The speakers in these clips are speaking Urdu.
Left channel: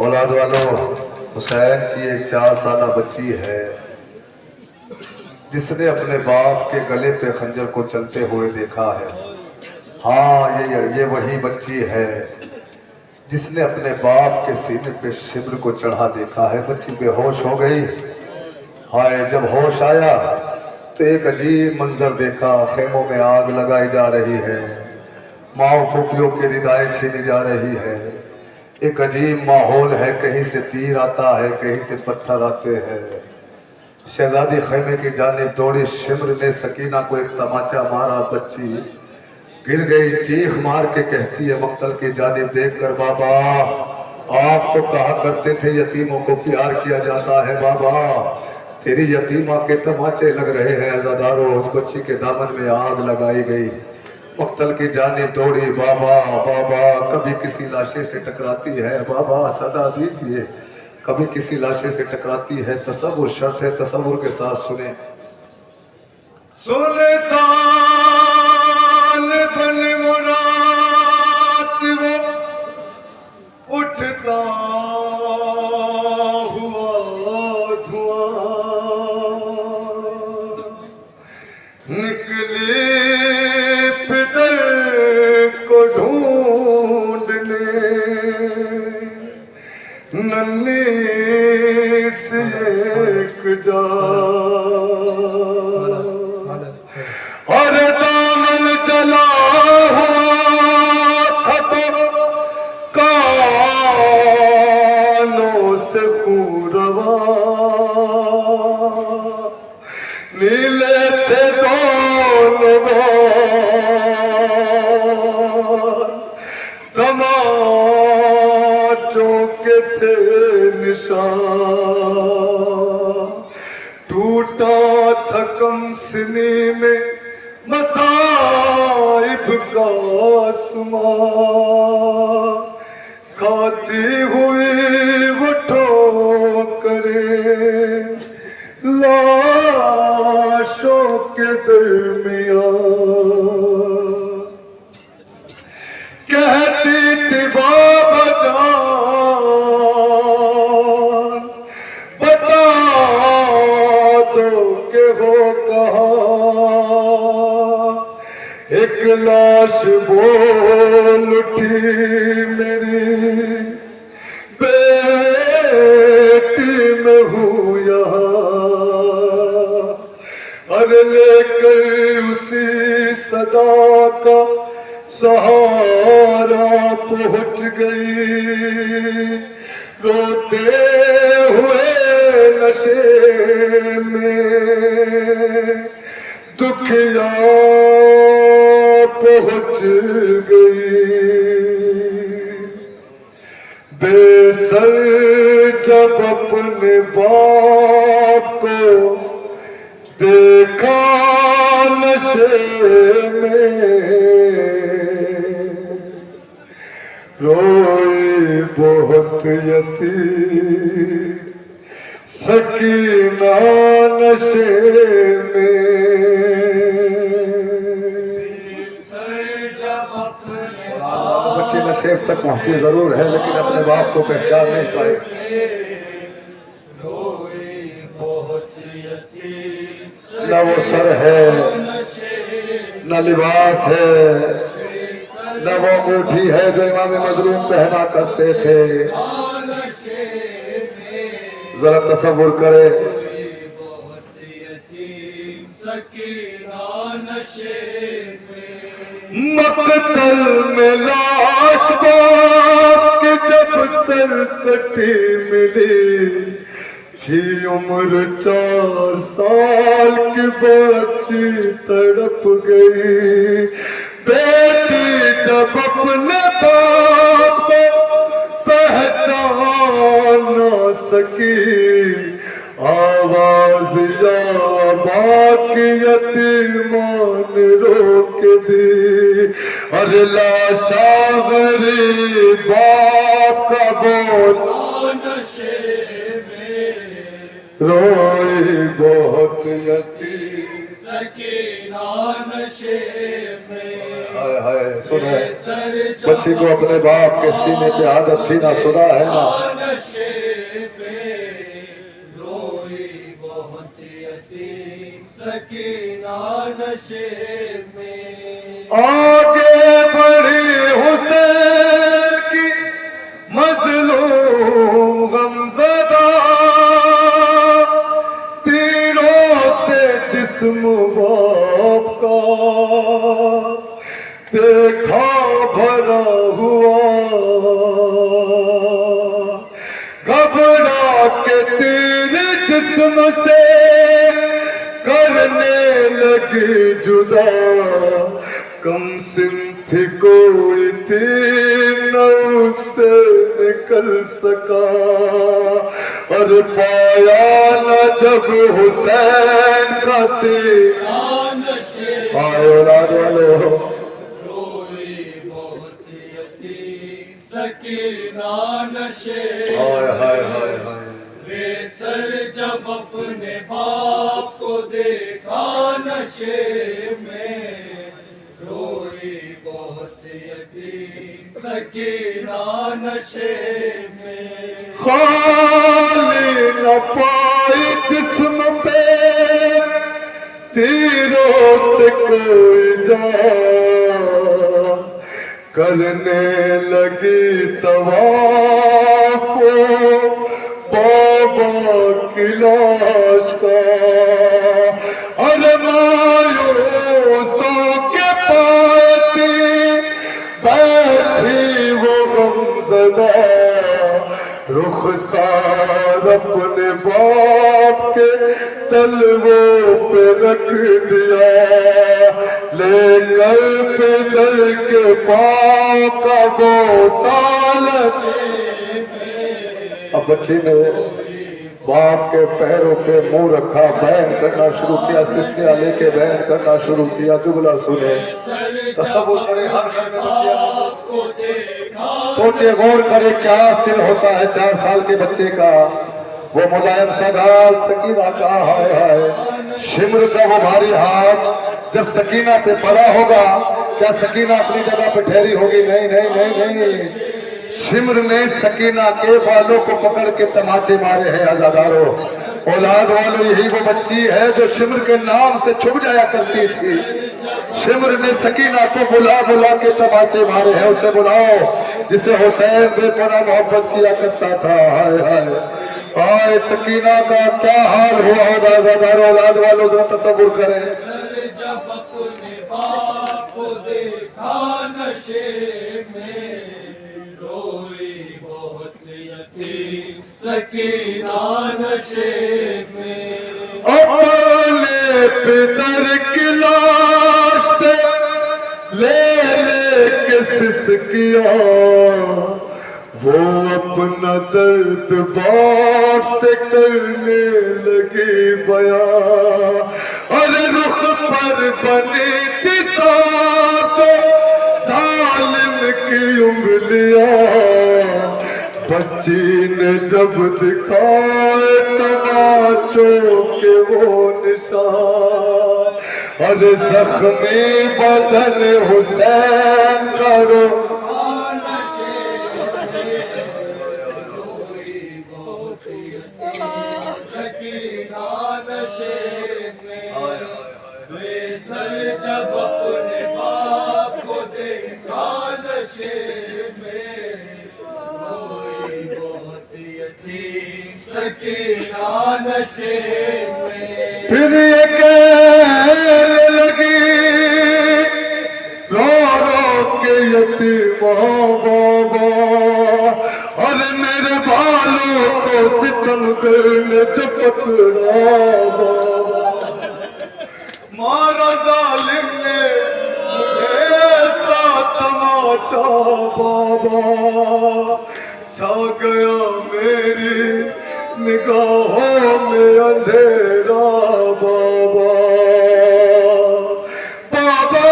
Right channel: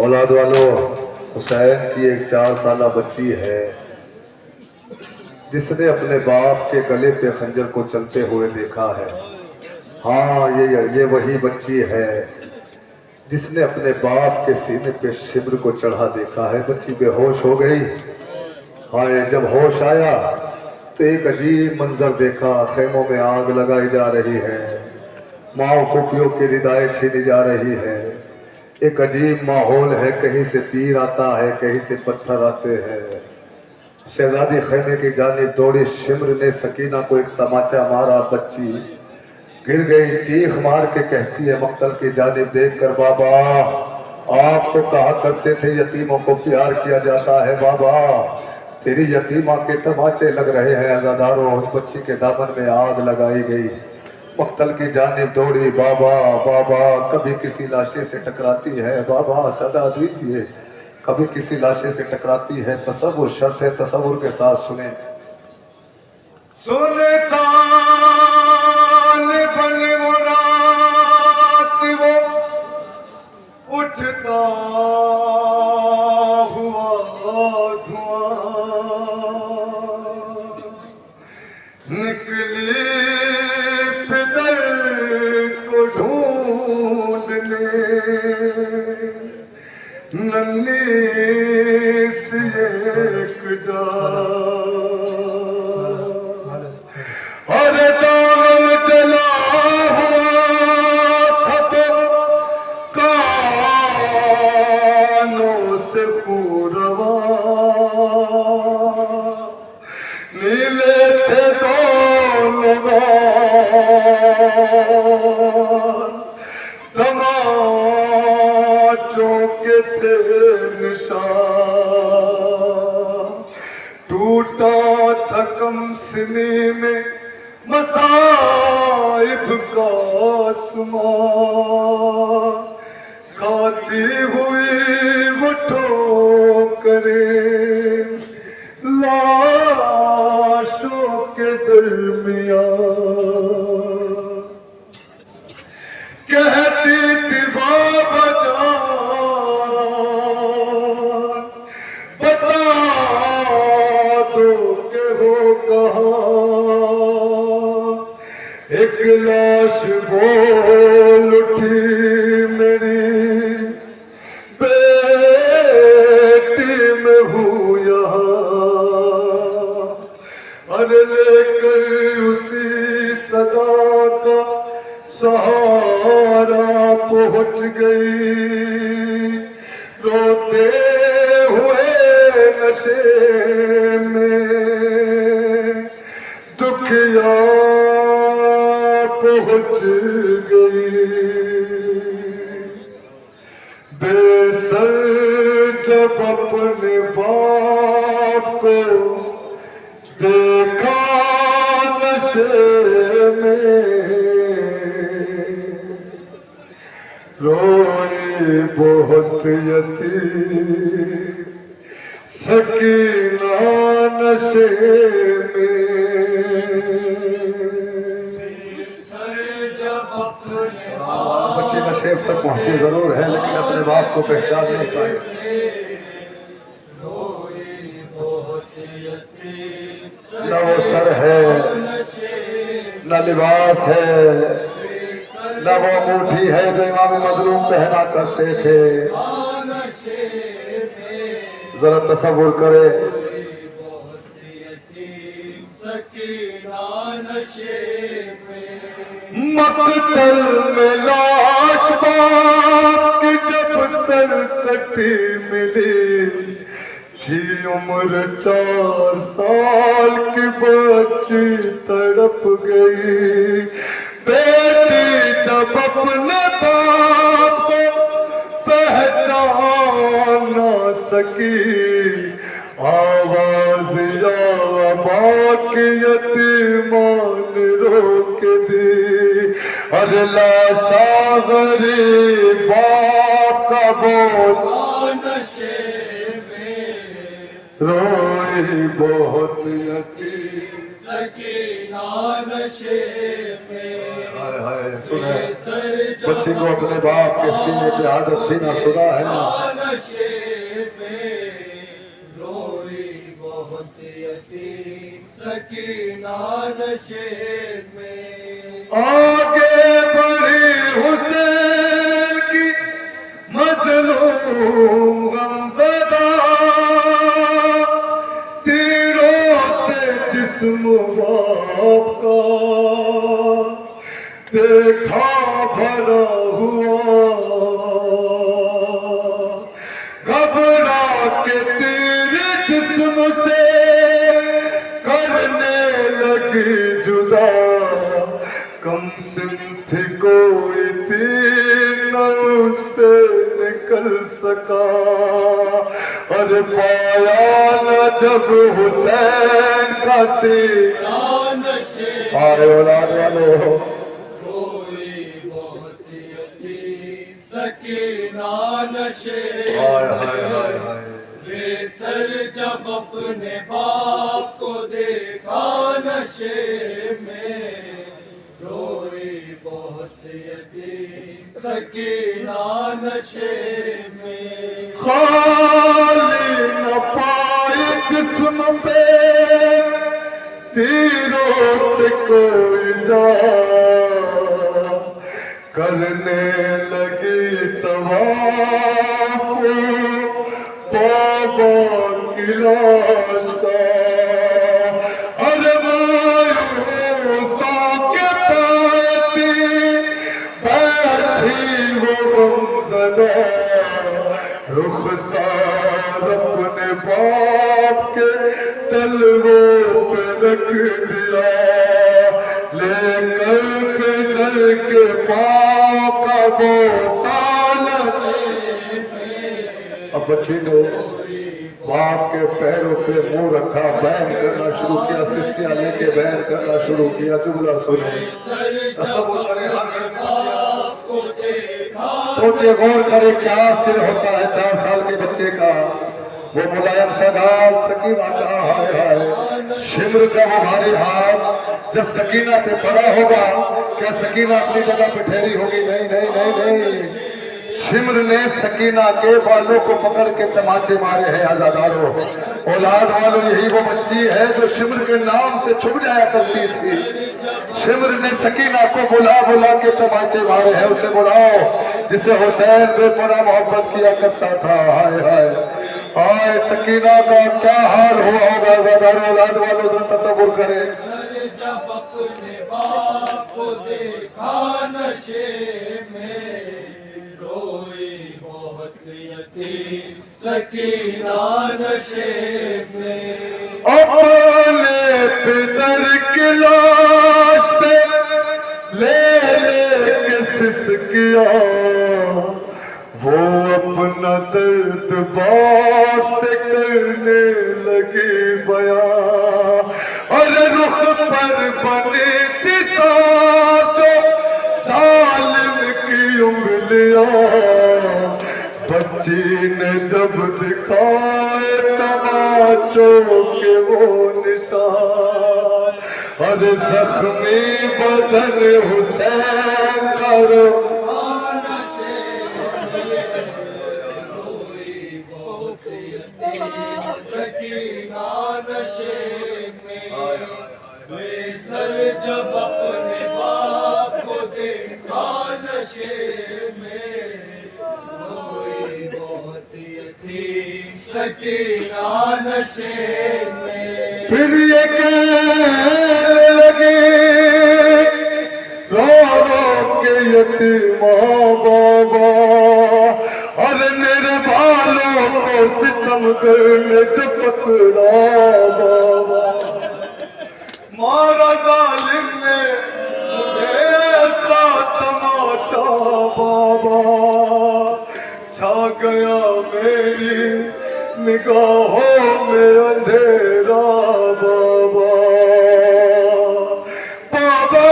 اولاد والوں، حسین کی ایک 4 سالہ بچی ہے جس نے اپنے باپ کے گلے پہ خنجر کو چلتے ہوئے دیکھا ہے۔ ہاں، یہ وہی بچی ہے جس نے اپنے باپ کے سینے پہ شبر کو چڑھا دیکھا ہے۔ بچی بے ہوش ہو گئی۔ ہائے، جب ہوش آیا تو ایک عجیب منظر دیکھا۔ خیموں میں آگ لگائی جا رہی ہے، ماں پھوپھیوں کی ردائیں چھینی جا رہی ہے۔ ایک عجیب ماحول ہے، کہیں سے تیر آتا ہے، کہیں سے پتھر آتے ہیں۔ شہزادی خیمے کی جانب دوڑی، شمر نے سکینہ کو ایک تماچا مارا۔ بچی گر گئی، چیخ مار کے کہتی ہے مقتل کی جانب دیکھ کر، بابا آپ تو کہا کرتے تھے یتیموں کو پیار کیا جاتا ہے، بابا تیری یتیمہ کے تماچے لگ رہے ہیں۔ عزاداروں، اس بچی کے دامن میں آگ لگائی گئی۔ مقتل کی جانب دوڑی، بابا بابا کبھی کسی لاشے سے ٹکراتی ہے، بابا صدا دیجئے، کبھی کسی لاشے سے ٹکراتی ہے۔ تصور شرط ہے، تصور کے ساتھ سنیں۔ سلطان بن مراد وہ اٹھتا ہوا دھواں، نکلی پدر کو ڈھونڈنے، ننھی سی ایک جا اور دامن جلا ہوا تھا تو کانوں سے خون روا، نیلے تھے دونوں تماچوں کے تھے نشان، ٹوٹا تھا کم سنی میں مصائب کا آسمان، کھاتی ہوئی وہ ٹھوکریں لاشوں کے درمیان، کہتی تھی بابا جان بتا دو کہ وہ کہاں، ایک لاش بول اٹھی میری بیٹی میں ہوں یہاں، اور لے کر اسی صدا کا سہارا پہنچ گئی، روتے ہوئے نشے میں دکھیا پہنچ گئی، بے سر جب اپنے باپ کو دیکھا نشے میں، روئی بہت یتیم سکینہ نشے میں، بچی نشے تک پہنچی ضرور ہے لیکن اپنے باپ کو پہچان نہیں پائے۔ نہ وہ سر ہے، نہ لباس ہے، نہ وہ انگوٹھی ہے جو امام مظلوم پہنا کرتے تھے۔ ذرا تصور کرے، مقتل میں لاش باپ کی جب سر کٹی ملی، تھی عمر 4 سال کی بچی تڑپ گئی، بیٹی جب اپنے باپ کو پہچان نہ سکی، آواز یا باقی یتیمان روک دی، ارے لاشا غریب باپ کا بولا نشے میں، روئی بہت یتیم سکینہ نشے میں ہائے ہائے سنے بچی کو اپنے باپ کے سینے پہ عادت تھی نہ سنا ہے نا نشے میں روئی بہت یتیم سکینہ نشے میں آگے بڑھی حسین کی مظلوم غمزدہ تیروں سے جسم باپ کا دیکھا بھرا ہوا گھبرا کے تیرے جسم سے کرنے لگی جدا کم سن تھی کوئی تیر نہ اس سے نکل سکا اور پایا نہ جب حسین کا سینہ نشے آئے اور آنے والے ہو روئی بہت یتیم سکینہ نشے ہائے ہائے ہائے ہائے بے سر جب اپنے باپ کو دیکھا نشے میں روئی بہت یتیم سکینہ نشے میں خالی نہ پائی جسم پہ تیروں سے کوئی جا کرنے لگی طواف بابا کی لاش کا اور مایوسوں کے پاتی بیٹھی وہ غمزدہ رخسار اپنے باپ کے تلووں پہ رکھ دیا لے کر پدر کے پاؤں کا بوسہ اب بچی نے باپ کے پیروں پہ منہ رکھا بیان کرنا شروع کیا سسکیاں لے کے بیان کرنا شروع کیا جملہ سنے تصور کرے ہر گھر میں بچیاں سوچے غور کرے کیا سر ہوتا ہے 4 سال کے بچے کا وہ ملائم سدال سکینہ کا ہائے ہائے شمر کا وہ بھاری ہاتھ جب سکینہ سے پڑا ہوگا کیا سکینہ اپنی جگہ پہ ٹھہری ہوگی نہیں نہیں نہیں نہیں شمر نے سکینہ کے بالوں کو پکڑ کے تماچے مارے ہیں عزاداروں اولاد والوں یہی وہ بچی ہے جو شمر کے نام سے چھپ جایا کرتی تھی شمر نے سکینہ کو بلا بلا کے تماچے مارے ہیں اسے بلاؤ جسے حسین بے پناہ محبت کیا کرتا تھا ہائے ہائے آئے سکینہ کا کیا حال ہوا ہوگا عزاداروں اولاد والوں ذرا تصور کریں جب اپنے باپ کو دیکھا نشے میں روئی بہت یتیم سکینہ نشے میں اپنے پدر کی لاش پہ لے لے کے سسکیا وہ اپنا درد باپ سے کرنے لگی بیان اور رخ پر بنی تھی ظالم کی انگلیاں بچی نے جب دکھائے تماچوں کے وہ نشان اور زخمی بدن حسین کرو جب اپنے باپ کو دیکھا نشے میں روئی بہت یتیم سکینہ نشے میں پھر یہ کہنے لگی رو رو کے یتیماں بابا اور میرے بالوں کو ستم کرنے جو پکڑا بابا مارا ظالم نے مجھے ایسا تماشا بابا چھا گیا میری نگاہوں میں اندھیرا بابا بابا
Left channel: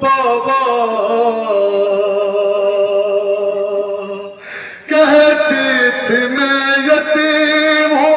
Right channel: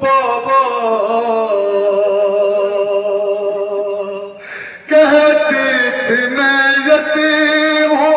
بابا کہتی تھی میں یتیم ہوں